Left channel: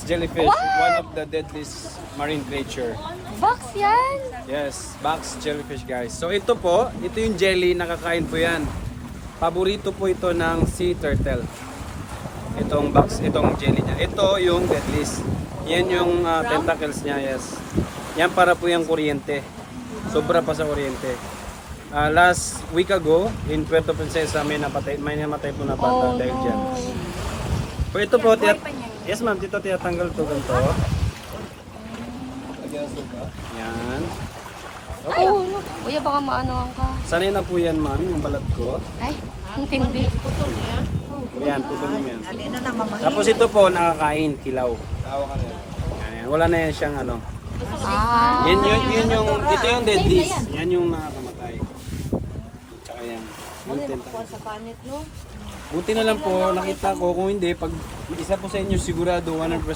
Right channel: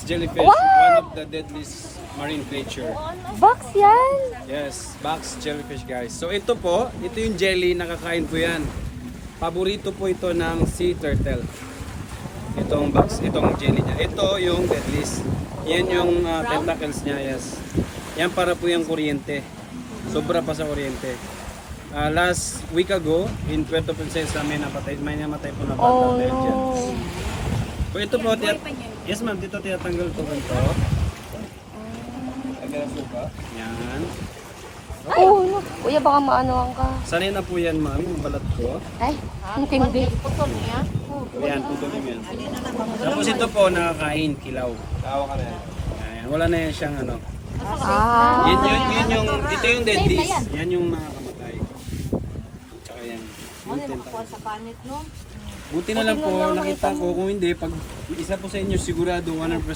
box jellyfish, one of the deadliest marine creature. Box yan? Yes, box jellyfish guys. So ito po, ito yung jelly, nakakain po yan. Paborito po ito ng sea turtle. Itong box, itong jelly niya. Ito yung deadliest. Yan yung tentacles niya, yes. Yan para po yung kuryente. Sobra pa sa kuryente. Last week ago, in Puerto Princesa, may namatay po na bata dahil dyan. So ito po, yes ma'am, dito tinatanggal to ganito. Yan. Okay. Kuya, baka maano ka. Sanay na po yan ma'am, yung balat ko. Ay, ang tindi. Yan, putulin mo yan. Tapos ito po, nakakain, kilaw. Yan, wala na yan siyang ano. Yun yung, ito yung deadliest. Yan yung nakakamatay. Tsaka yan. Yung tentacles. Buti na lang po, nakita ko. Kung hindi, pag isa po sa inyo sigurado 100%,